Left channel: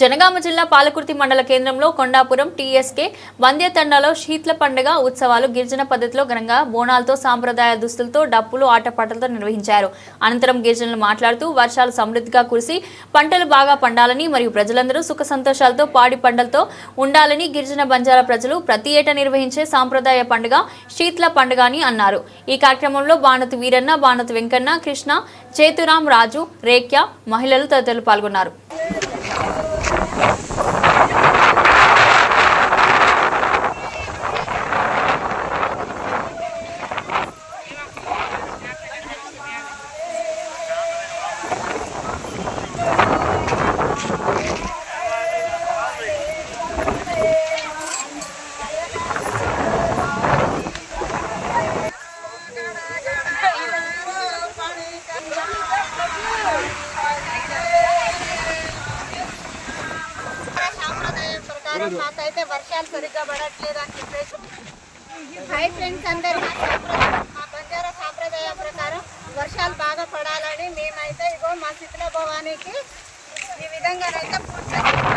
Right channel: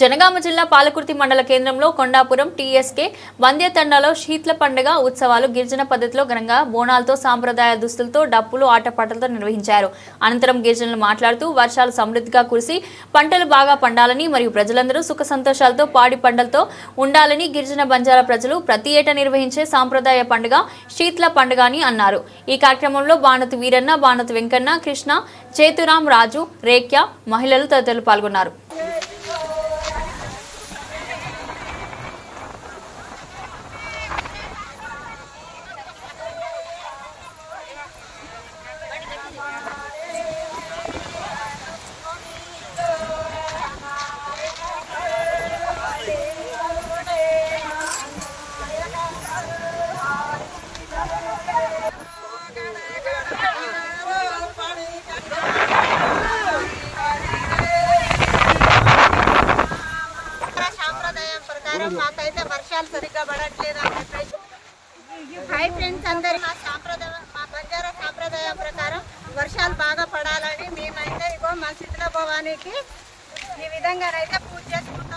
జనగామ జిల్లా పాలకుర్తి మండల కేంద్రంలో కొండాపురం టీఎస్కే బంద్యతండాలో శీతల పండుగ ఉత్సవాలు గిరిజన పద్ధతిలో ఘనంగా బోనాలతో సాంప్రదాయ దుస్తులతో డప్పులు ఆటపాటలతో నిర్వహించారు. అనంతరం గిరిజనులు మాట్లాడుతూ వర్షాలు సమృద్ధిగా కురిసి పంటలు బాగా పండాలని మరియు ప్రజలందరూ సుఖ సంతోషాలతో పాడి పంటలతో ఉండాలని గిరిజన బంజారా ప్రజలు ప్రతి ఏటా నిర్వహించే సాంప్రదాయ పండుగ శీతల పండుగ అని అన్నారు. ఈ కార్యక్రమంలో బాణతి వీరన్న బాణతి వెంకన్న కృష్ణ చేతురాం రాజు రేఖ్య మహిళలు తదితరులు పాల్గొన్నారు. వారం ప్రకారం మాకైతే వర్షాలు సరిగ్గా పడట్లేదు అని చెప్పేసి హాయ్ ఫ్రెండ్స్ అందరు. మా సాంప్రదాయం మా బంజారా సాంప్రదాయం ప్రకారం వర్షాలు బాగా పడాలని మేమైతే ఇగో మా శిథిల భవానికి ఈ విధంగానైతే పూజ చేస్తున్నాం.